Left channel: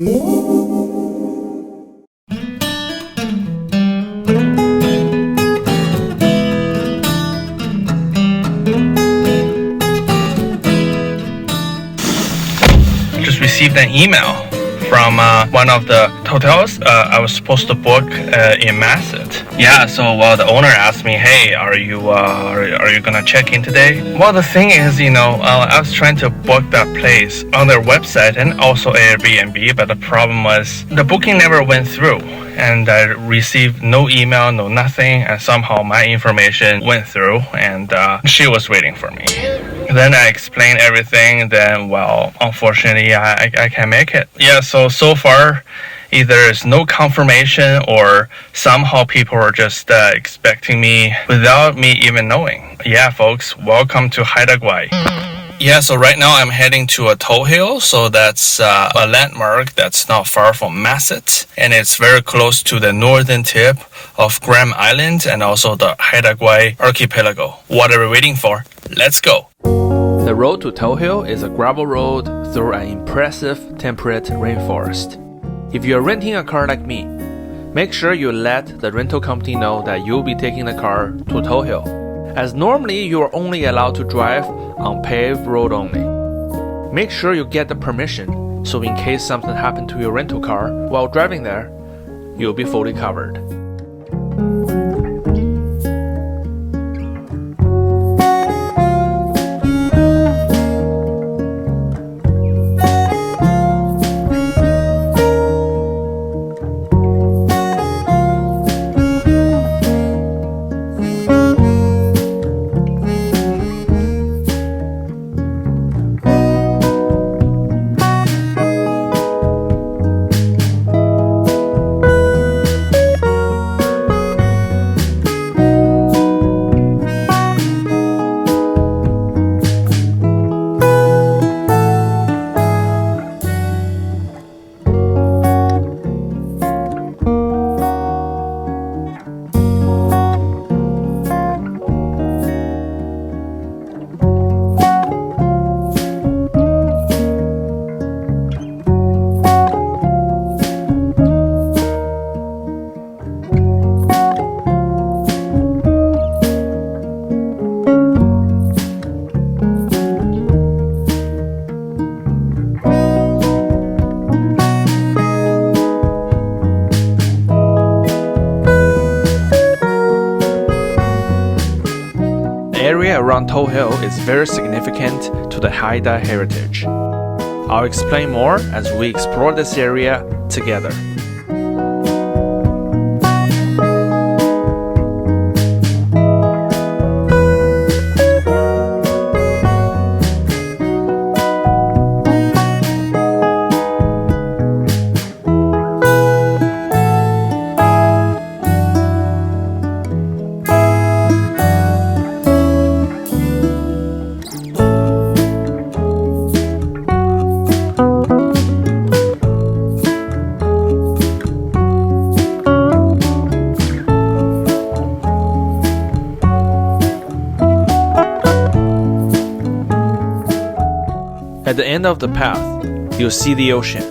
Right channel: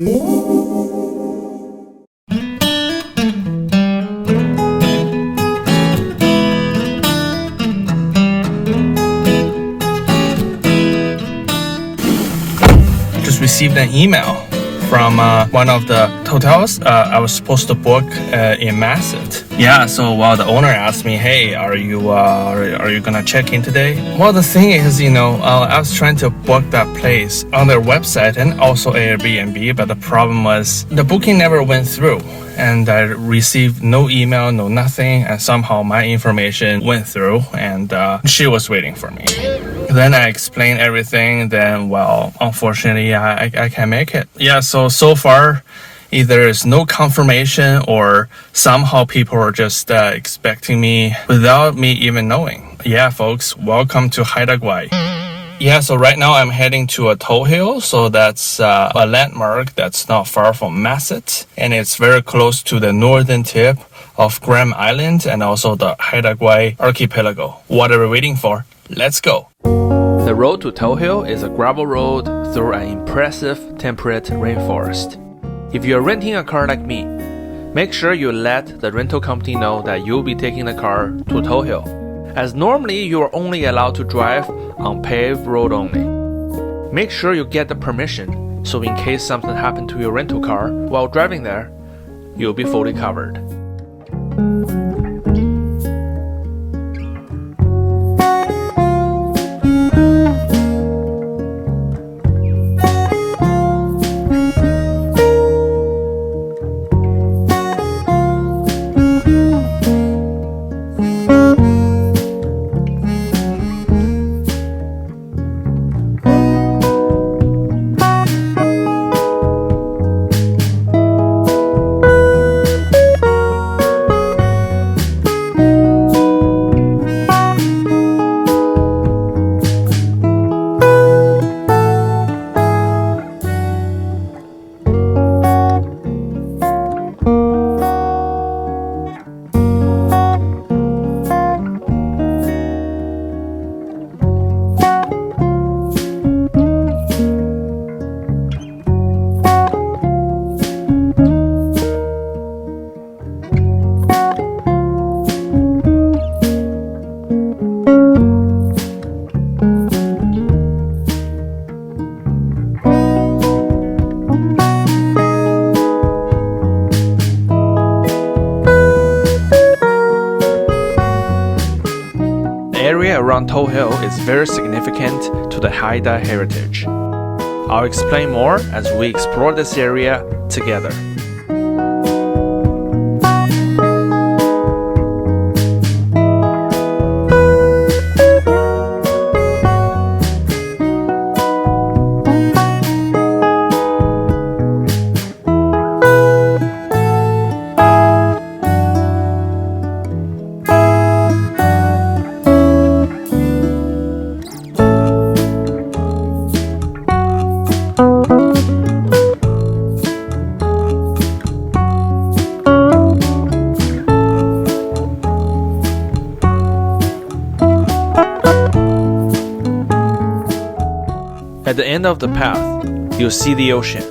Just received an email from one of the hotels I was supposed to book in Masset. Yeah, so the owner asked me, hey, are you gonna check in today? Well, the thing is, I was trying to book that place on their website and also Airbnb, but the problem was the booking never went through. And I received no email, no nothing, and somehow my information went through, and she was waiting for me. Then I explained everything, then, unfortunately, I can't make it. Yeah, so far, either there's no confirmation or somehow people are just expecting me without me even knowing. Yeah, folks, welcome to Haida Gwaii. Yeah, so right now I'm heading to a taa'w hill, so that's a landmark that's not far from Masset, and it's very close to the northern tip of Graham Island and also the Haida Gwaii archipelago. What are we waiting for? Let's go! The road to taa'w hill is a gravel road through an impressive temperate rainforest. If you're renting a car like me, make sure you let the rental company know that you'll be taking the car to taa'w hill, as normally you are only allowed to drive on paved road only. Make sure you get the permission, so in case something happened to your rental car while driving there, you'll be fully covered. Around taa'w hill is very significant to the Haida heritage. I'll explain more as we explore this area together. At the end of the path, you'll see the ocean.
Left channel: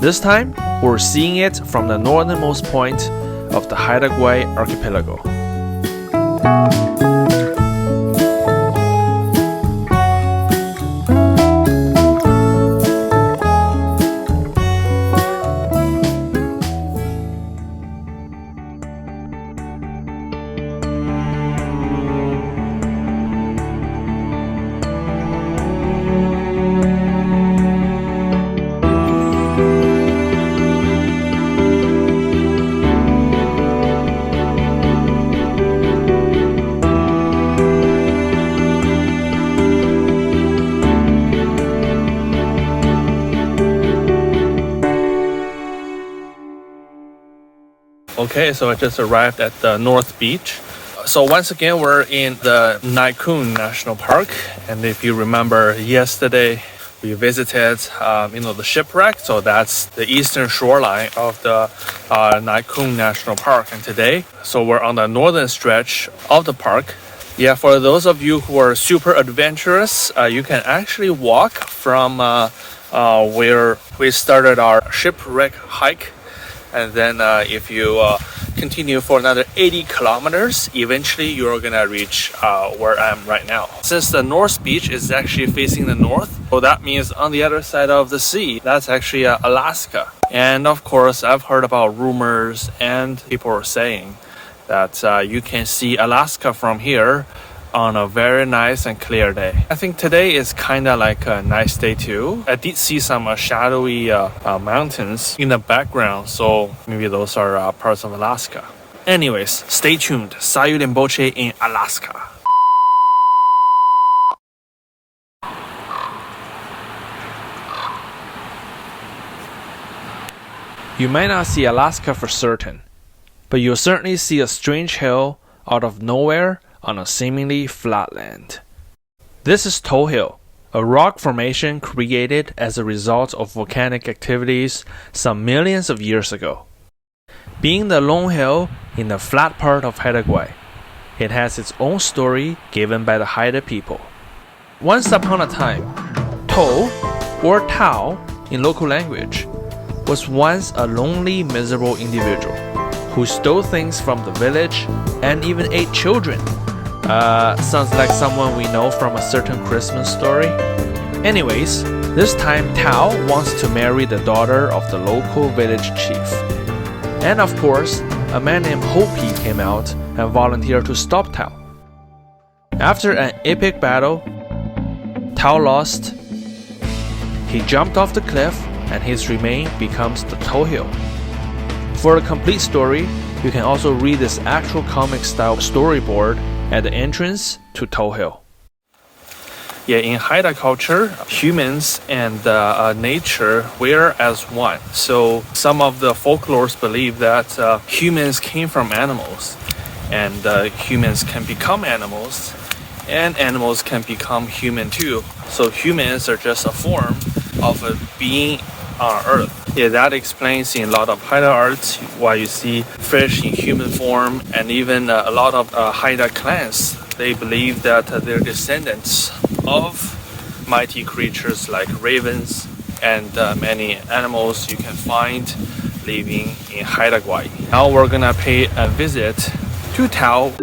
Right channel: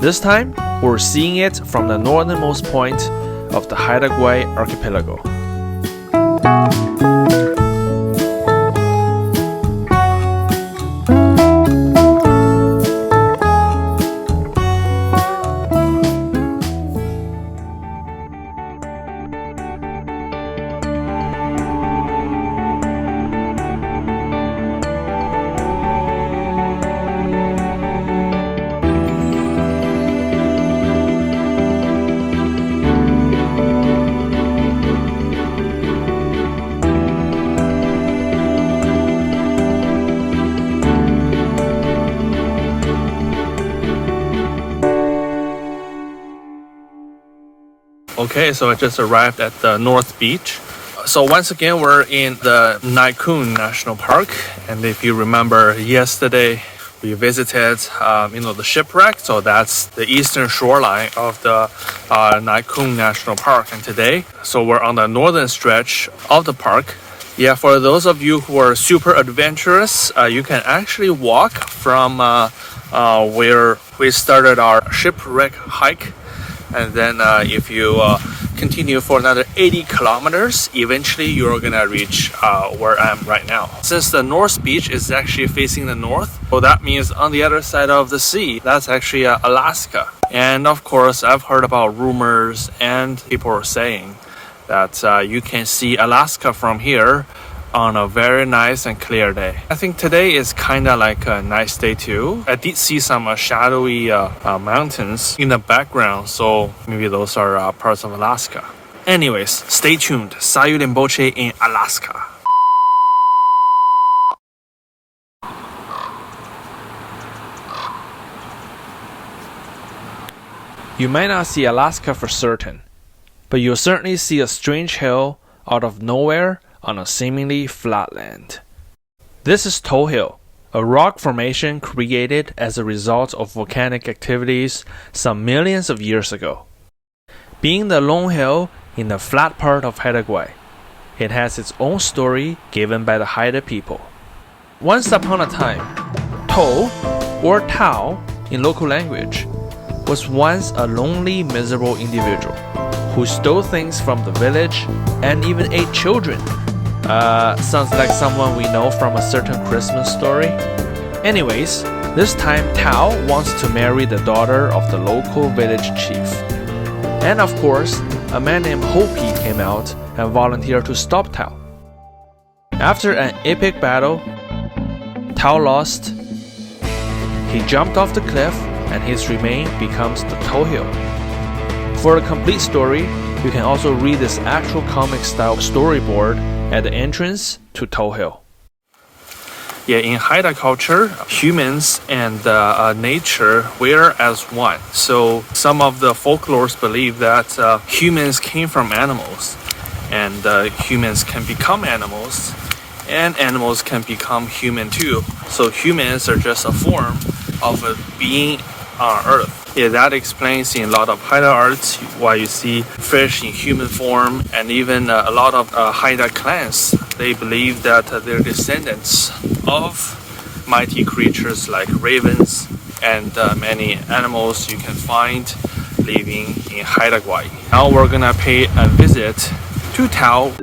This time, we're seeing it from the northernmost point of the Haida Gwaii archipelago. Okay, so I just arrived at the North Beach. So once again, we're in the Naikun National Park. And if you remember yesterday, we visited, the shipwreck. So that's the eastern shoreline of the Naikun National Park. And today, so we're on the northern stretch of the park. Yeah, for those of you who are super adventurous, you can actually walk from where We started our shipwreck hike, and then if you continue for another 80 kilometers, eventually you're gonna reach where I am right now. Since the North Beach is actually facing the north, so that means on the other side of the sea, that's actually Alaska. And of course, I've heard about rumors and people are saying that you can see Alaska from here on a very nice and clear day. I think today is kind of like a nice day too. I did see some shadowy mountains in the background, so maybe those are parts of Alaska. Anyways, stay tuned. Sayu Rinpoche in Alaska. You might not see Alaska for certain, but you'll certainly see a strange hill out of nowhere on a seemingly flat land. This is Taa'w Hill, a rock formation created as a result of volcanic activities some millions of years ago. Being the lone hill in the flat part of Haida Gwaii, it has its own story given by the Haida people. Once upon a time, taa'w, or taa'w in local language, was once a lonely, miserable individual who stole things from the village and even ate children. Sounds like someone we know from a certain Christmas story. Anyways, this time taa'w wants to marry the daughter of the local village chief. And of course, a man named Hopi came out and volunteered to stop taa'w. After an epic battle, taa'w lost. He jumped off the cliff and his remain becomes the Taa'w Hill. For a complete story, you can also read this actual comic-style storyboard at the entrance to Taa'w Hill. Yeah, in Haida culture, humans and nature were as one. So some of the folklores believe that humans came from animals, and humans can become animals, and animals can become human too. So humans are just a form of a being on Earth. Yeah, that explains in a lot of Haida arts why you see fish in human form, and even a lot of Haida clans, they believe that they're descendants of mighty creatures like ravens and many animals you can find living in Haida Gwaii. Now we're gonna pay a visit to taa'w.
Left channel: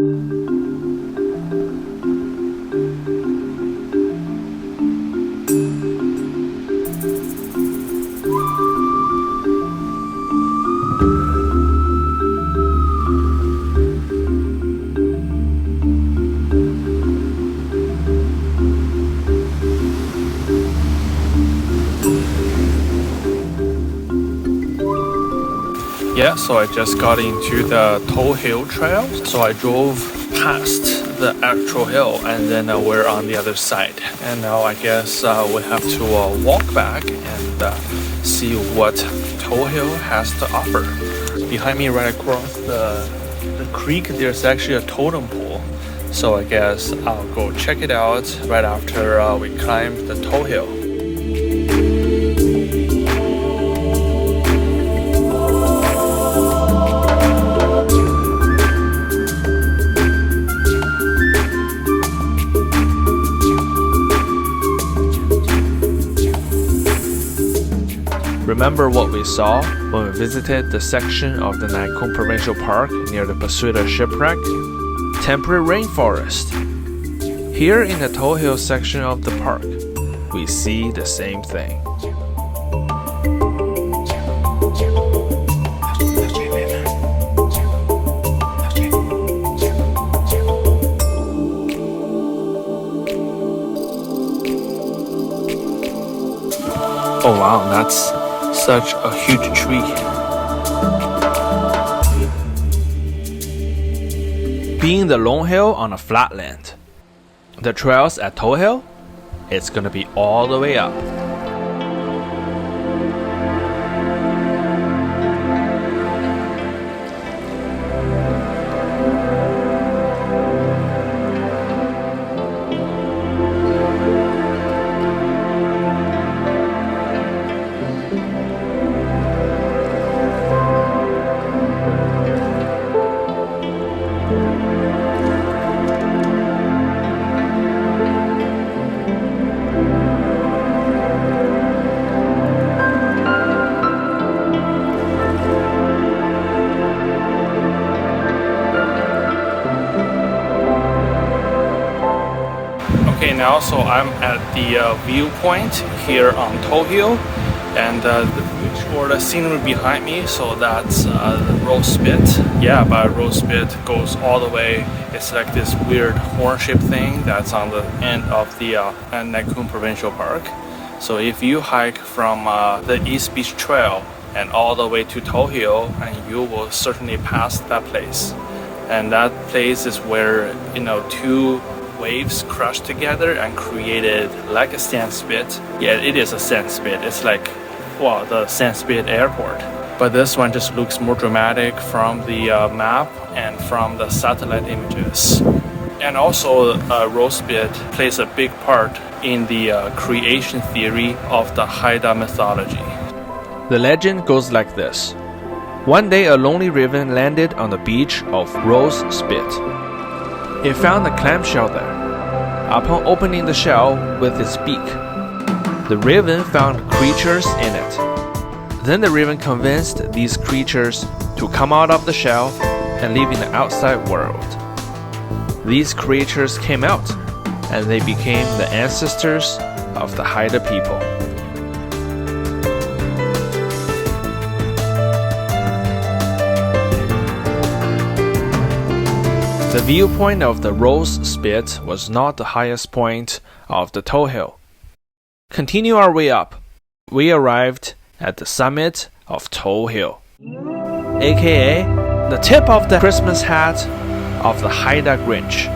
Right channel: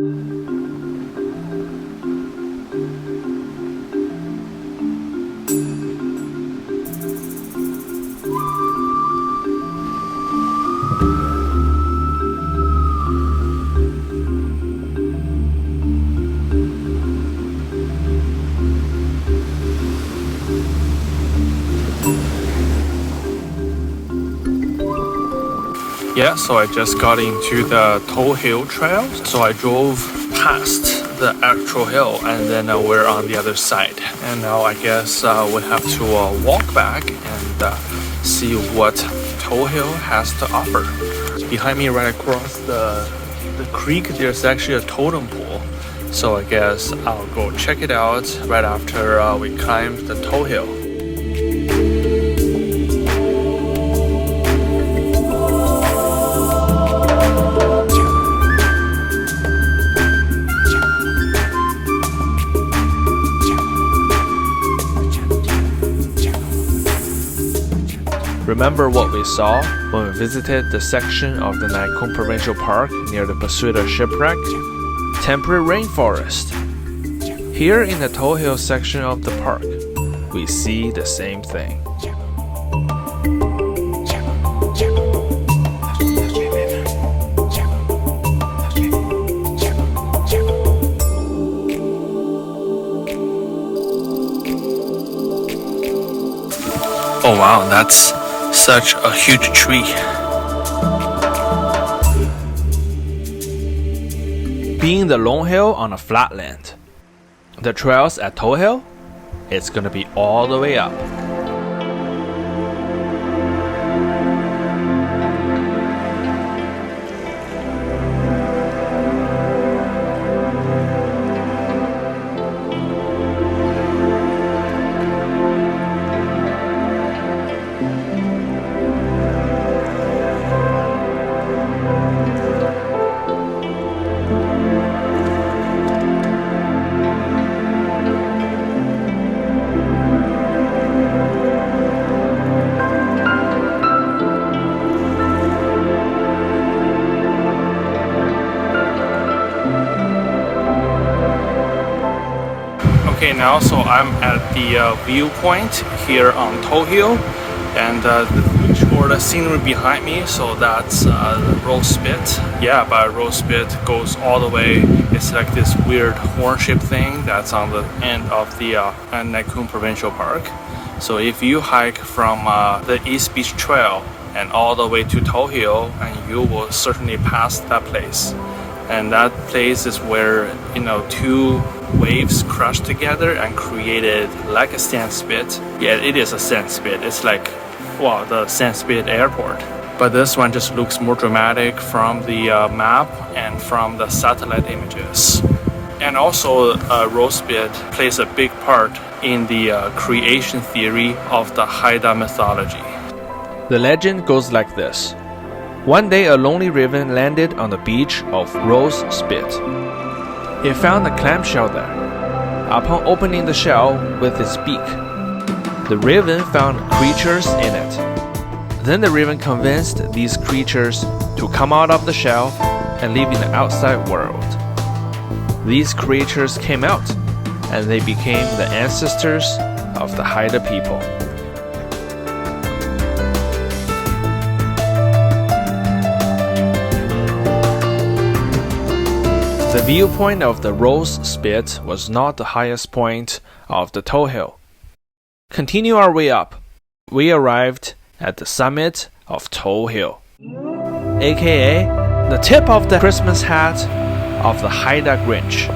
Yeah, so I just got into the Taa'w Hill trail. So I drove past the actual hill and then we're on the other side. And now I guess we have to walk back and see what Taa'w Hill has to offer. Behind me right across the creek, there's actually a totem pole. So I guess I'll go check it out right after we climb the Taa'w Hill. Remember what we saw when we visited the section of the Naikung Provincial Park near the Pasuita shipwreck? Temperate rainforest. Here in the Taa'w Hill section of the park, we see the same thing. Oh wow, that's such a huge tree. Being the lone hill on a flatland, the trails at Taa'w Hill, it's gonna be all the way up. Okay, now so I'm at the viewpoint here on Taa'w Hill, and the beach or the scenery behind me, so that's the Rose Spit. Yeah, but Rose Spit goes all the way. It's like this weird horn-shaped thing that's on the end of the Nakhon Provincial Park. So if you hike from the East Beach Trail and all the way to Taa'w Hill, and you will certainly pass that place. And that place is where, you know, two waves crushed together and created like a sand spit. Yeah, it is a sand spit. It's like, wow, the sand spit airport. But this one just looks more dramatic from the map and from the satellite images. And also, Rose Spit plays a big part in the creation theory of the Haida mythology. The legend goes like this. One day a lonely raven landed on the beach of Rose Spit. It found a clamshell there. Upon opening the shell with its beak, the raven found creatures in it. Then the raven convinced these creatures to come out of the shell and live in the outside world. These creatures came out, and they became the ancestors of the Haida people. The viewpoint of the Rose Spit was not the highest point of the Taa'w Hill. Continue our way up. We arrived at the summit of Taa'w Hill, aka the tip of the Christmas hat of the Haida Grinch.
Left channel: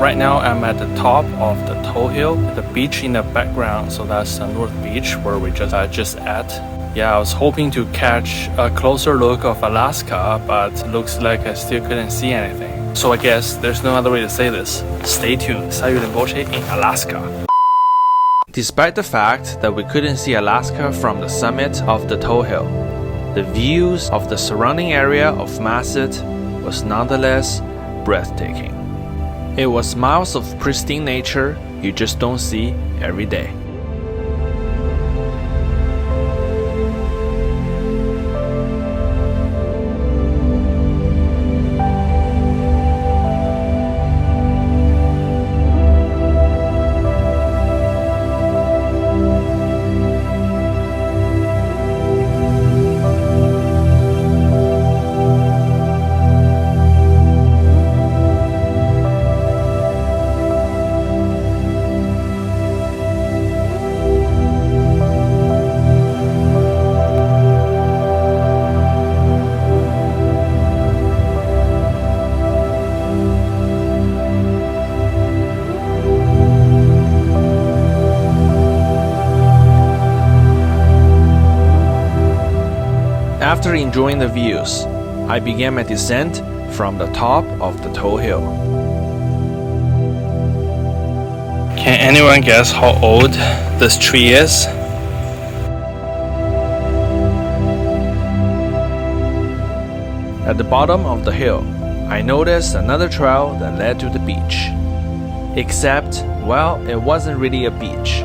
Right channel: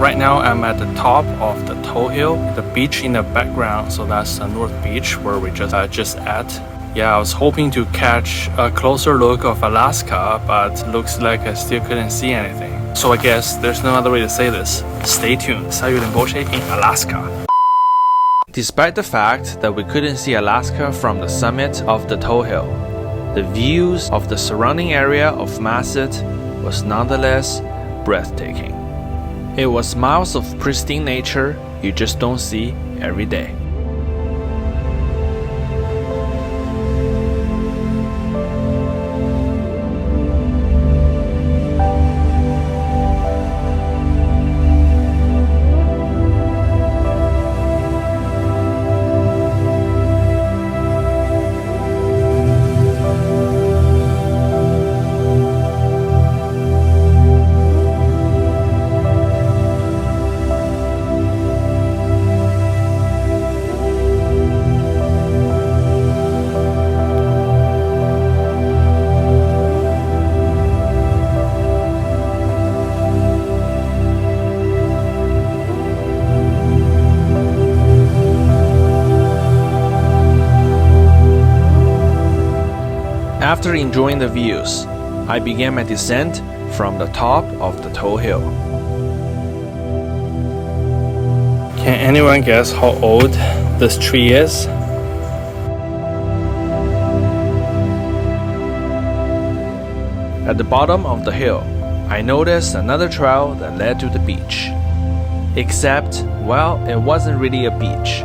Right now I'm at the top of the Taa'w Hill, the beach in the background, so that's the North Beach where we just at. Yeah, I was hoping to catch a closer look of Alaska, but looks like I still couldn't see anything. So I guess there's no other way to say this. Stay tuned. Sayu Rinpoche in Alaska. Despite the fact that we couldn't see Alaska from the summit of the Taa'w Hill, the views of the surrounding area of Masset was nonetheless breathtaking. It was miles of pristine nature you just don't see every day. After enjoying the views, I began my descent from the top of the Taa'w Hill. Can anyone guess how old this tree is? At the bottom of the hill, I noticed another trail that led to the beach. Except, well, it wasn't really a beach.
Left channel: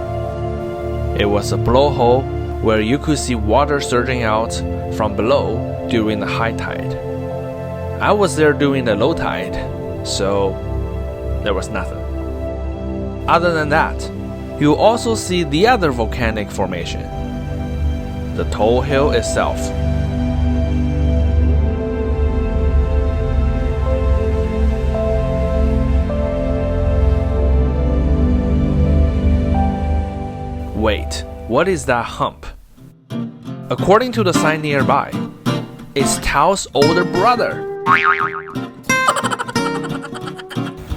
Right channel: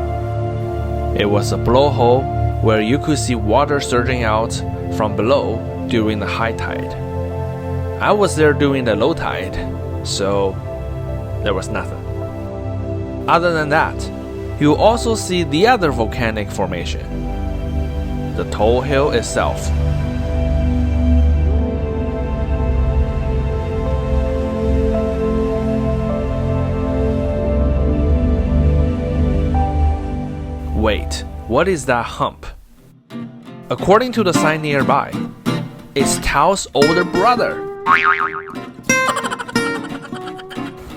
It was a blowhole where you could see water surging out from below during the high tide. I was there during the low tide, so there was nothing. Other than that, you also see the other volcanic formation, the Taa'w Hill itself. Wait, what is that hump? According to the sign nearby, it's taa'w's older brother.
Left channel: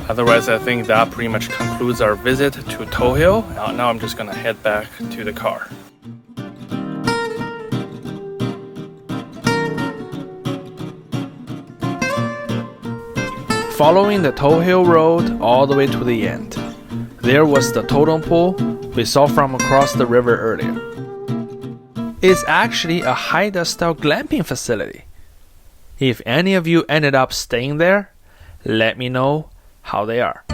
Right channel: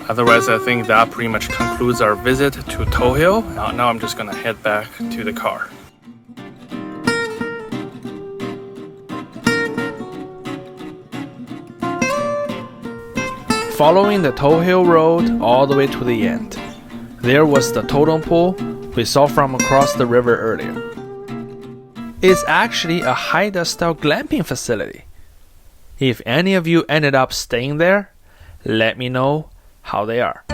I've Otherwise, I think that pretty much concludes our visit to Taa'w Hill. Now I'm just gonna head back to the car. Following the Taa'w Hill Road all the way to the end, there was the totem pole we saw from across the river earlier. It's actually a Haida-style glamping facility. If any of you ended up staying there, let me know how they are.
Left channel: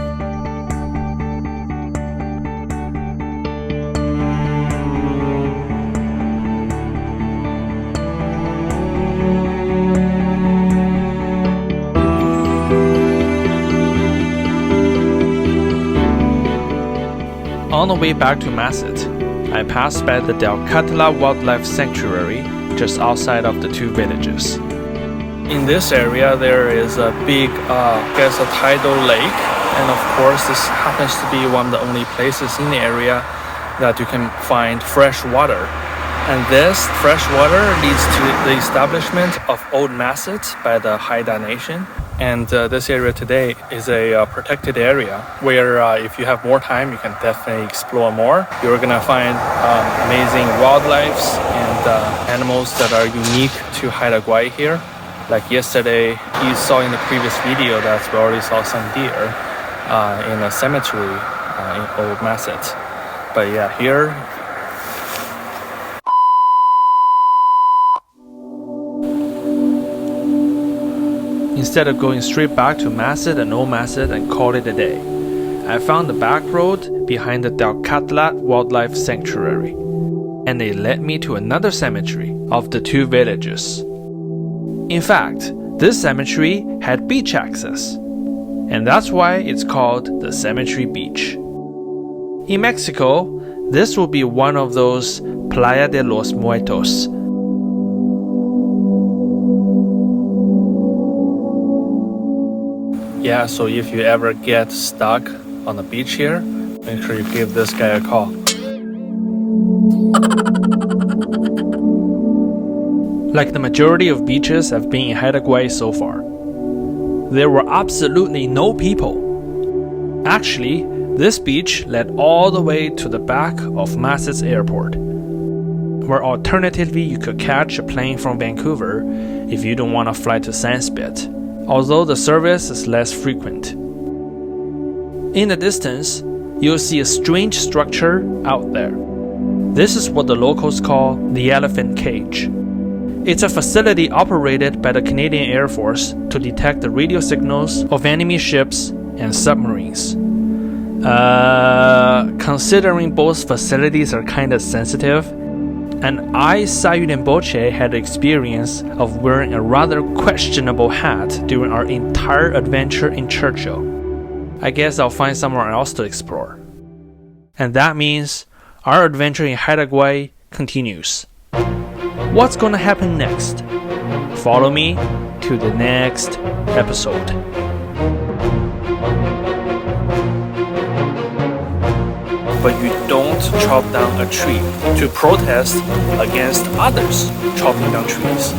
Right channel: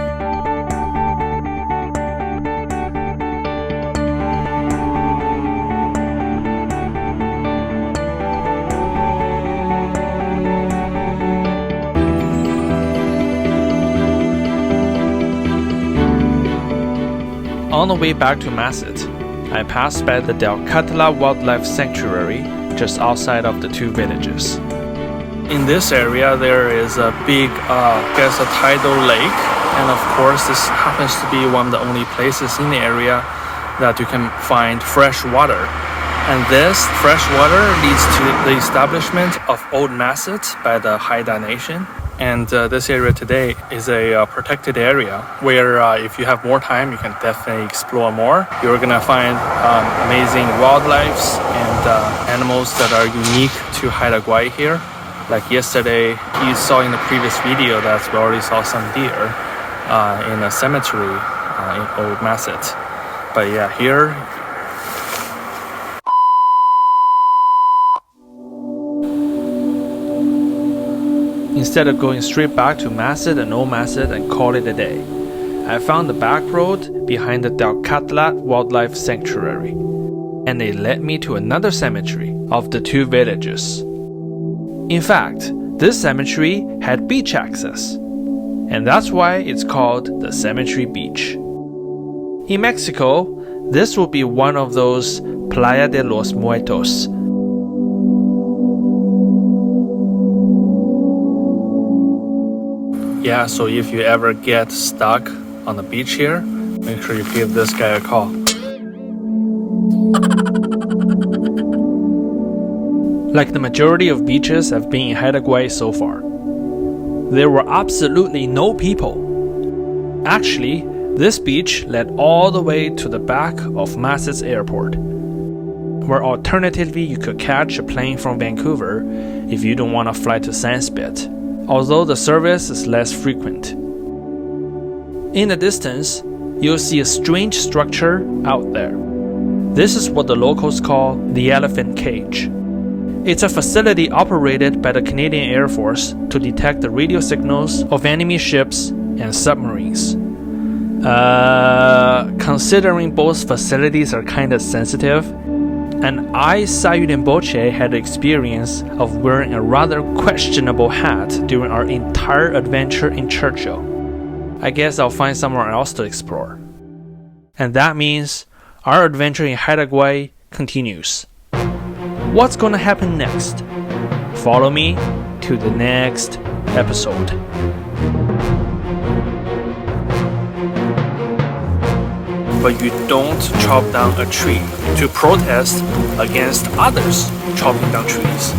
On the way back to Masset, I passed by the Delcatla Wildlife Sanctuary just outside of the two villages. In this area, there is a big, a tidal lake. And of course, this happens to be one of the only places in the area that you can find fresh water. And this fresh water leads to the establishment of Old Masset by the Haida Nation. And this area today is a protected area where if you have more time, you can definitely explore more. You're gonna find amazing wildlife and animals that are unique to Haida Gwaii here. Like yesterday, you saw in the previous video that we already saw some deer in a cemetery in Old Masset. But yeah, here. Instead of going straight back to Masset and Old Masset and call it a day, I found the back road behind the Delcatla Wildlife Sanctuary, and it led me to another cemetery of the two villages. In fact, this cemetery had beach access, and that's why it's called the Cemetery Beach. In Mexico, this would be one of those Playa de los Muertos. Yeah, so if you ever get stuck on the beach here, make sure you give this guy a call. Like the majority of beaches I've been in Haida Gwaii so far, there were absolutely no people. Actually, this beach led all the way to the back of Masset's airport, where alternatively you could catch a plane from Vancouver if you don't want to fly to Sandspit, although the service is less frequent. In the distance, you'll see a strange structure out there. This is what the locals call the elephant cage. It's a facility operated by the Canadian Air Force to detect the radio signals of enemy ships and submarines. Considering both facilities are kinda sensitive, and I, Sayu Rinpoche, had the experience of wearing a rather questionable hat during our entire adventure in Churchill, I guess I'll find somewhere else to explore. And that means our adventure in Haida Gwaii continues. What's gonna happen next? Follow me to the next episode. But you don't chop down a tree to protest against others chopping down trees.